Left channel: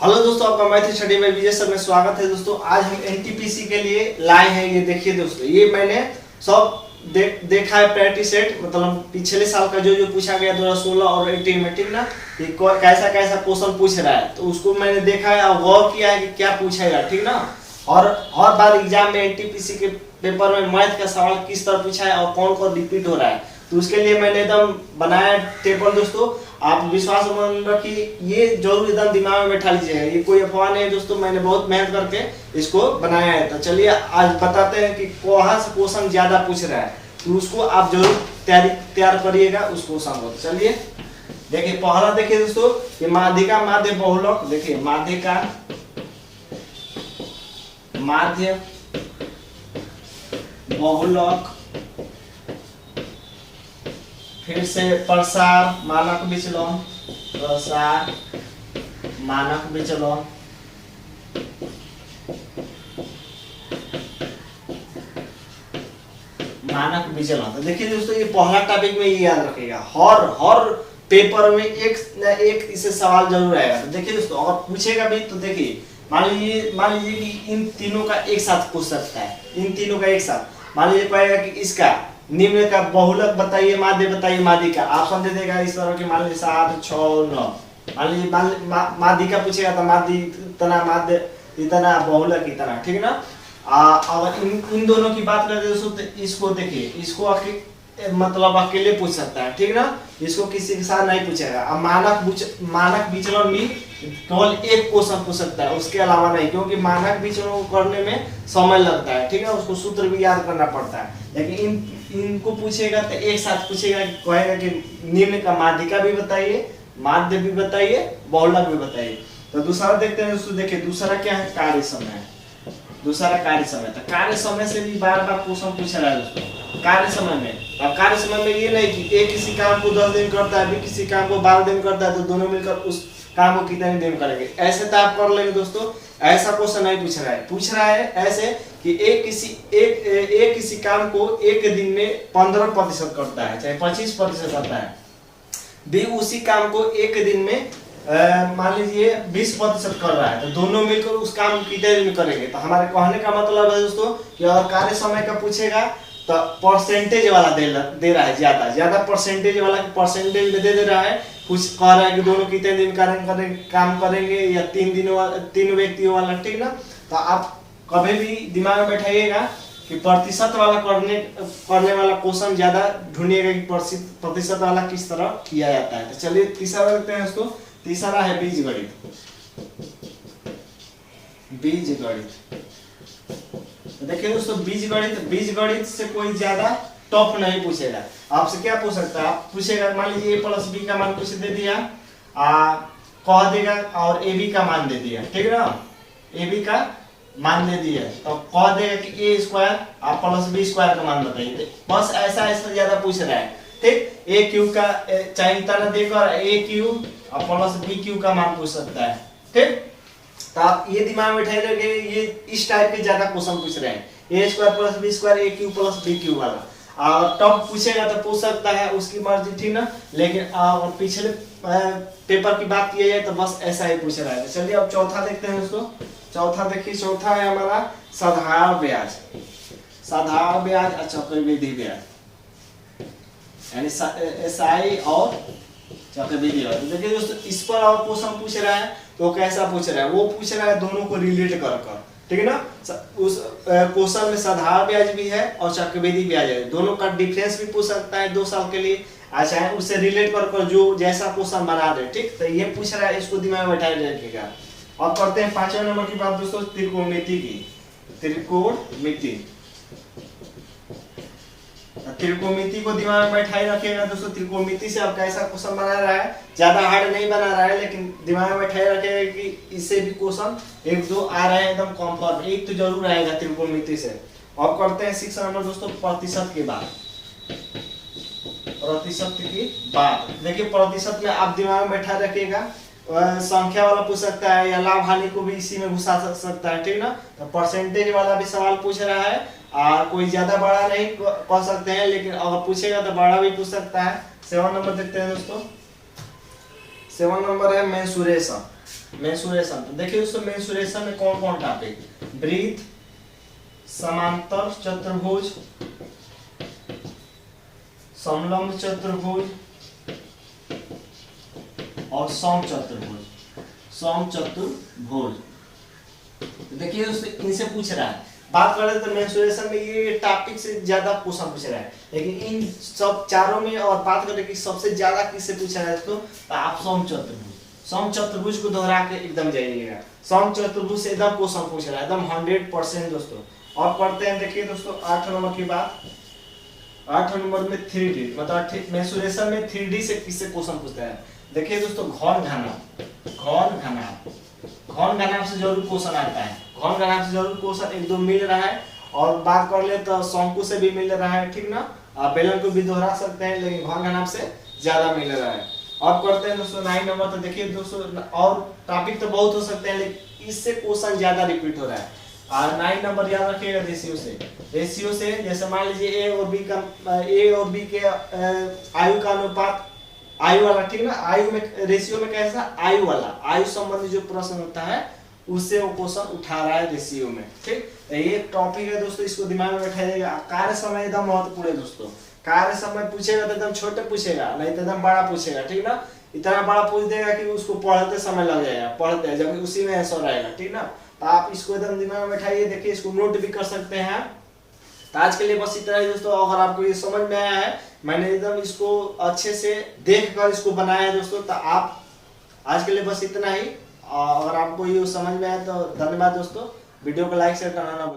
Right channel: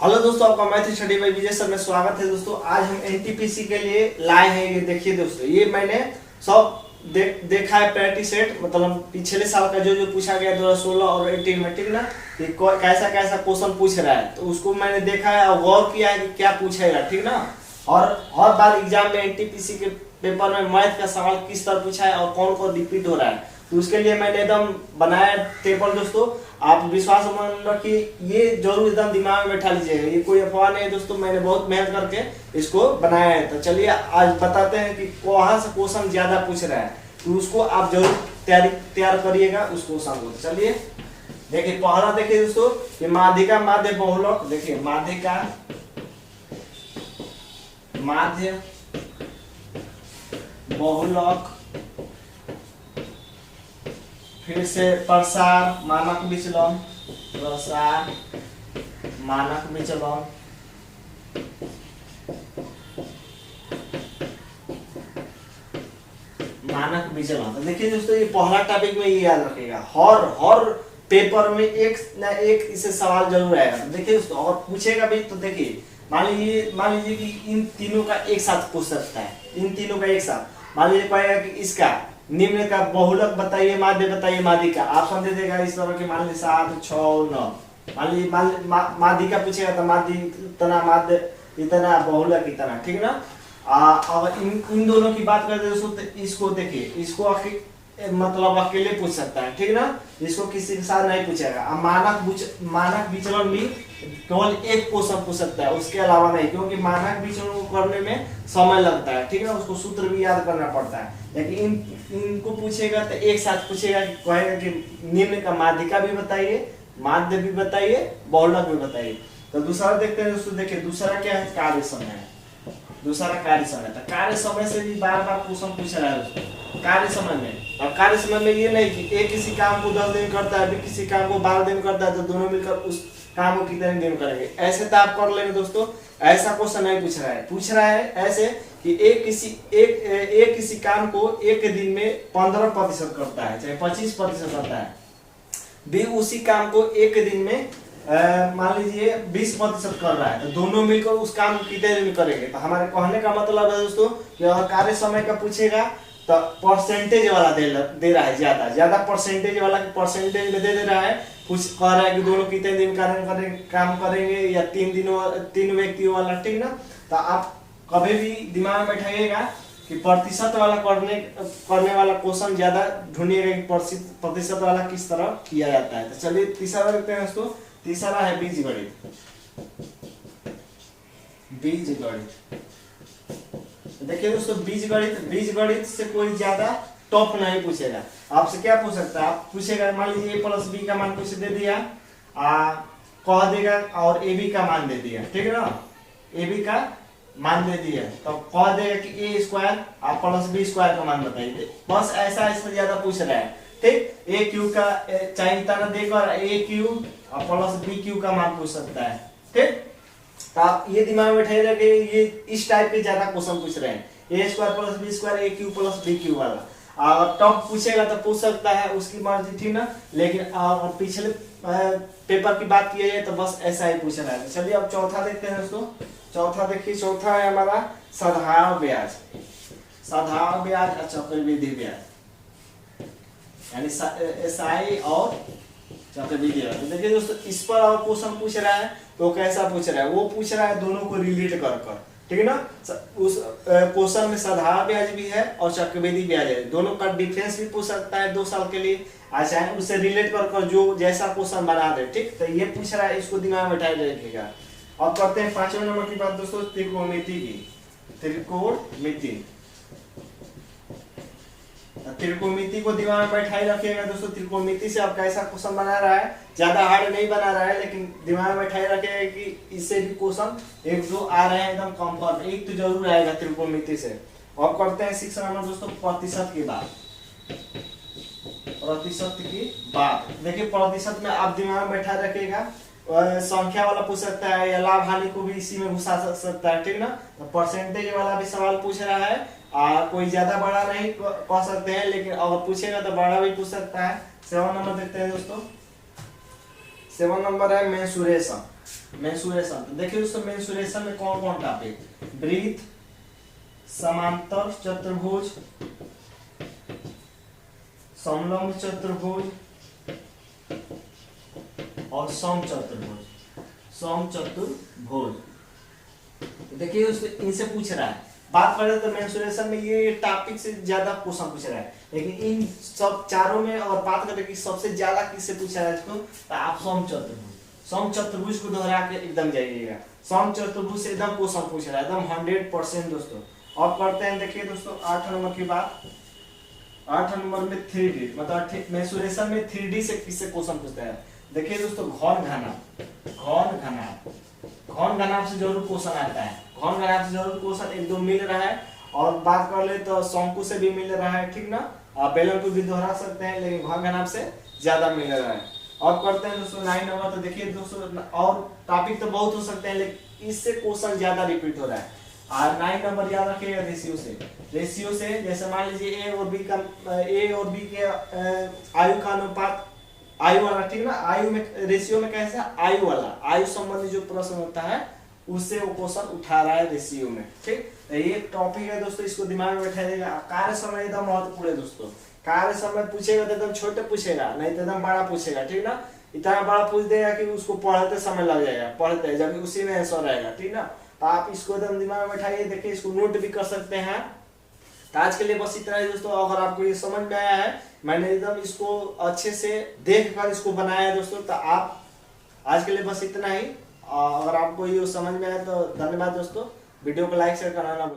Hello दोस्तों, आपका math study bye विजय sir में स्वागत है। दोस्तों आज हम एनटीपीसी के लिए लाए हैं। ये देखिए दोस्तों, ये मैंने सब देखा है प्रैक्टिस सेट, मतलब पिछले साल का जो जो पूछा गया 2016 और 18 में, ठीक ना। ये कैसा कैसा क्वेश्चन पूछ रहा है तो उसको मैंने देखा है और गौर किया है कि क्या पूछेगा, ठीक ना। और हर बार एग्जाम में एनटीपीसी के पेपर में मैथ का सवाल किस तरह पूछा है और कौन कौन रिपीट हो रहा है, तो उसके लिए मैंने एकदम बनाया टेबल। दोस्तों आप विश्वास मान रखिए, ये जरूर एकदम दिमाग में बैठा लीजिएगा, ये कोई अफवाह नहीं है दोस्तों। मैंने बहुत मेहनत करके इसको बनाया है। तो चलिए आज बताते हैं कि कहाँ से क्वेश्चन ज्यादा पूछ रहा है, तो उसको आप जरूर तैयार करिएगा उस क्वेश्चन को। चलिए देखिए, पहला देखिए दोस्तों, ये माध्यिका माध्य बहुलक। देखिए माध्यिका माध्य बहुलक, फिर से प्रसार मानक विचलन, प्रसार मानक विचलन, मानक विचलन। तो देखिए दोस्तों, ये पहला टॉपिक में ये याद रखिएगा, हर पेपर में एक ना एक इससे सवाल जरूर आएगा। तो देखिए दोस्तों, अगर पूछेगा भी तो देखिए, मान लीजिए कि इन तीनों का एक साथ पूछ सकता है, इन तीनों का एक साथ। मान लीजिए कहेगा कि इसका निम्न का बहुलक बताइए, माध्य बताइए, माध्यिका ऑप्शन दे देगा इस तरह के, मान लीजिए 7, 6, 9। मान लीजिए माध्यिका पूछेगा तो माध्य इतना, माध्य इतना, बहुलक इतना, ठीक ना। अगर इन दोनों की बात करते दोस्तों, तो इसको देखिए, इसको मतलब अकेले पूछ सकता है, ठीक ना। इसको किसी के साथ नहीं पूछेगा। अब मानक विचलन भी केवल एक क्वेश्चन पूछ सकता है, उसके अलावा नहीं, क्योंकि मानक विचलन को करने में समय लगता है, ठीक है। उसको सूत्र भी याद करना पड़ता है। लेकिन इनको पूछेगा तो एक साथ पूछेगा, कहेगा कि निम्न का माध्यिका भी बताइए, माध्य भी बताइए, बहुलक भी बताइए। तो दूसरा देखते हैं दोस्तों। देखिए दूसरा क्या है, कार्य समय। दूसरा कार्य समय, तो कार्य समय से भी बार बार क्वेश्चन पूछ रहा है दोस्तों। कार्य समय में, अब कार्य समय में ये नहीं कि एक किसी काम को 10 दिन करता है, भी किसी काम को 12 दिन करता है, तो दोनों मिलकर उस काम को कितने दिन करेंगे, ऐसे तो आप कर लेंगे दोस्तों। ऐसा क्वेश्चन नहीं पूछ रहा है, पूछ रहा है ऐसे कि एक किसी काम को एक दिन में 15% करता है, चाहे 25% करता है, भी उसी काम को एक दिन में मान लीजिए 20% कर रहा है, तो दोनों मिलकर उस काम को कितने दिन करेंगे। तो हमारे कहने का मतलब है दोस्तों कि अगर कार्य समय का पूछेगा तो परसेंटेज वाला दे रहा है, ज्यादा परसेंटेज वाला परसेंटेज में दे रहा है। कुछ कह रहा है कि दोनों कितने दिन काम करेंगे, या 3 व्यक्तियों वाला, ठीक ना। तो आप कभी भी दिमाग में बैठाइएगा कि प्रतिशत वाला करने वाला क्वेश्चन ज्यादा ढूंढिएगा कि प्रतिशत वाला किस तरह किया जाता है। तो चलिए तीसरा देखते हैं दोस्तों। तीसरा है बीजगणित। बीजगणित, देखिए दोस्तों, बीजगणित से कोई ज्यादा टफ नहीं पूछेगा। आपसे क्या पूछ सकता है, आप पूछेगा, मान लीजिए a + b का मान कुछ दे दिया, कह देगा, और ab का मान दे दिया, ठीक है ना। ab का मान दे दिया तो कह देगा कि a² + b² का मान बताइए। बस ऐसा ज्यादा पूछ रहा है, ठीक। a³ का चाहे इतना देकर a³ + b³ का मान पूछ सकता है, ठीक। तो आप ये दिमाग में बैठाए रखिए, ये इस टाइप के ज्यादा क्वेश्चन पूछ रहे हैं, a² + b² a³ + b³ वाला। और टॉप पूछेगा तो पूछ सकता है, उसकी मर्जी, ठीक ना। लेकिन पिछले पेपर की बात की जाए तो बस ऐसा ही पूछ रहा है। चलिए अब चौथा देखते हैं दोस्तों। चौथा देखिए, चौथा है हमारा साधारण ब्याज। साधारण ब्याज और चक्रवृद्धि ब्याज, यानी SI और चक्रवृद्धि ब्याज। देखिए दोस्तों, इस पर और क्वेश्चन पूछ रहा है तो कैसा पूछ रहा है, वो पूछ रहा है दोनों को रिलेट कर, ठीक है ना। उस क्वेश्चन में साधारण ब्याज भी है और चक्रवृद्धि ब्याज है, दोनों का डिफरेंस भी पूछ सकता है 2 साल के लिए, चाहे उससे रिलेट कर जो जैसा क्वेश्चन बना दे, ठीक। तो ये पूछ रहा है, इसको दिमाग में बैठाए रखिएगा। अब करते हैं 5वें नंबर की बात दोस्तों, त्रिकोणमिति की। त्रिकोणमिति को दिमाग में बैठाए रखिएगा दोस्तों। त्रिकोणमिति से आप कैसा क्वेश्चन बना रहा है, ज्यादा हार्ड नहीं बना रहा है, लेकिन दिमाग में बैठाए रखिएगा कि इससे भी क्वेश्चन 1-2 आ रहे हैं एकदम कंफर्ट, एक तो जरूर आएगा त्रिकोणमिति से। अब करते हैं 6 नंबर दोस्तों, प्रतिशत की बात। प्रतिशत की बात, देखिए प्रतिशत में आप दिमाग में बैठा रखिएगा, संख्या वाला पूछ सकता है, या लाभ हानि को भी इसी में घुसा सकता है, ठीक ना। तो परसेंटेज वाला भी सवाल पूछ रहा है, कोई ज्यादा बड़ा नहीं कह सकते हैं, लेकिन अगर पूछेगा तो बड़ा भी पूछ सकता है। 7 नंबर देखते हैं दोस्तों। 7 नंबर है मेंसुरेशन। मेंसुरेशन। तो देखिए दोस्तों मेंसुरेशन में कौन कौन टॉपिक, वृत्त, समांतर चतुर्भुज, समलंब चतुर्भुज और समचतुर्भुज। समचतुर्भुज देखिए दोस्तों इनसे पूछ रहा है। बात करें तो मेंसुरेशन में ये टॉपिक से ज्यादा क्वेश्चन पूछ रहा है, लेकिन इन सब चारों में और बात करें कि सबसे ज्यादा किससे पूछ रहा है दोस्तों, तो आप समचतुर्भुज, समचतुर्भुज को दोहरा के एकदम जाइएगा। समचतुर्भुज से एकदम क्वेश्चन पूछ रहा है एकदम 100% दोस्तों। और पढ़ते हैं देखिए दोस्तों 8 नंबर की बात। 8 नंबर में 3D मतलब मेंसुरेशन में 3D से किससे क्वेश्चन पूछता है। देखिए दोस्तों घन घनाभ, घन घनाभ, घन घनाभ से जरूर क्वेश्चन आता है। घन घनाभ से जरूर क्वेश्चन एक दो मिल रहा है। और बात कर ले तो शंकु से भी मिल रहा है, ठीक ना, बेलन को भी दोहरा सकते हैं, लेकिन घन घनाभ से ज्यादा मिल रहा है। अब करते हैं दोस्तों 9 नंबर। तो देखिए दोस्तों और टॉपिक तो बहुत हो सकते हैं, लेकिन इससे क्वेश्चन ज्यादा रिपीट हो रहा है। और 9 नंबर याद रखिएगा रेशियो से। रेशियो से जैसे मान लीजिए ए और बी के आयु का अनुपात, आयु वाला, ठीक ना, आयु में रेशियो में कैसा, आयु वाला, आयु संबंधी जो प्रश्न होता है उससे वो क्वेश्चन उठा रहा है रेशियो में, ठीक। तो ये टॉपिक है दोस्तों, इसको दिमाग में बैठाइएगा। कार्य समय एकदम महत्वपूर्ण है दोस्तों। कार्य समय पूछेगा तो एकदम छोटे पूछेगा, नहीं तो एकदम बड़ा पूछेगा, ठीक ना। इतना बड़ा पूछ देगा कि उसको पढ़ते समय लग जाएगा, पढ़ते जबकि उसी में आंसर आएगा, ठीक ना। तो आप इसको एकदम दिमाग में बैठाइए। देखिए इसको नोट भी कर सकते हैं। तो आज के लिए बस इतना ही दोस्तों। अगर आपको ये समझ में आया है, मैंने एकदम इसको अच्छे से देख कर इसको बनाया है दोस्तों, तो आप आज के लिए बस इतना ही। अगर आपको ये समझ में आया तो धन्यवाद दोस्तों। वीडियो को लाइक शेयर करना ना भूलें।